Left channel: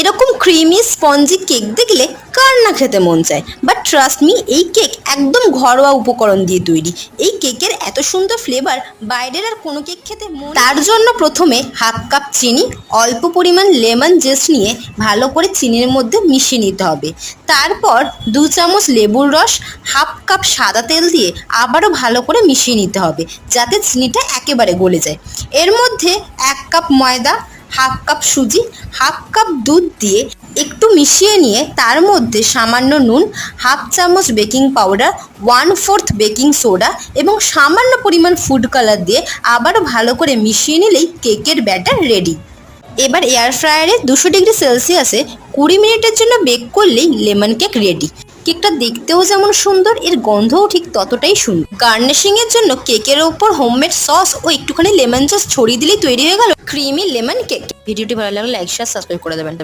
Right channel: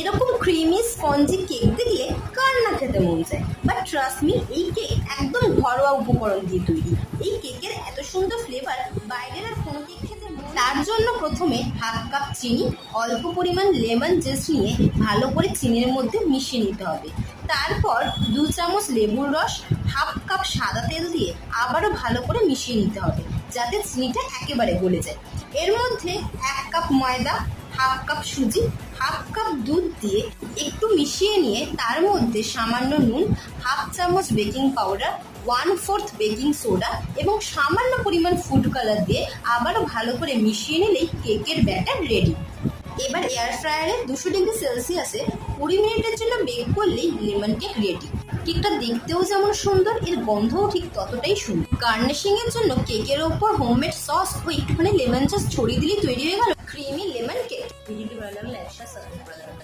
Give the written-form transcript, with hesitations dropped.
এরকম creamy spongy cake দেখলে কার না খেতে মন চায়। বাট ট্রাস্ট মি, এই কেক একদম ঘরোয়া উপকরণ দিয়ে তৈরি। এই কেকের এত সুন্দর ফ্লেভার বাইরের আর কোনো কেক খেতে তার জন্য প্রথমে হাফ কাপ চিনি, অল্প পরিমাণ লেমন জেস্ট নিয়ে ভালো করে চিনির মধ্যে মিশিয়ে নিতে হবে। তারপর 2 চামচ লেবুর রস, হাফ কাপ সাদা তেল দিয়ে আবারও ভালো করে মিশিয়ে নিতে হবে যাতে চিনিটা একেবারে গলে যায়। এর মধ্যে 1 কাপ ময়দা, হাফ কাপ সুজি, হাফ কাপ দুধ দিয়ে একটু মিশিয়ে নিয়ে তার মধ্যে সামান্য নুন, হাফ চামচ বেকিং পাউডার, 1/4 বেকিং সোডা এবং সামান্য পরিমাণ ফুড কালার দিয়ে আবারও ভালো করে মিশিয়ে নিলেই কেকের ব্যাটার রেডি। এবার এয়ার ফ্রায়ারে 200 ডিগ্রি সেলসিয়াসে 20 মিনিটের জন্য বেক করলেই লেমন কেক রেডি। কেকটা দেখতেও যেমন সুন্দর, এর গন্ধও ঠিক ততটাই সুন্দর। গার্নিশিংয়ের জন্য কেকের ওপর হোমমেড সস ও একটুখানি লেমন জুস ছড়িয়ে দিলেই তৈরি হয়ে গেল ক্রিমি লেমন কেক। ভিডিওটি ভালো লাগলে লাইক শেয়ার সাবস্ক্রাইব করে দেবেন।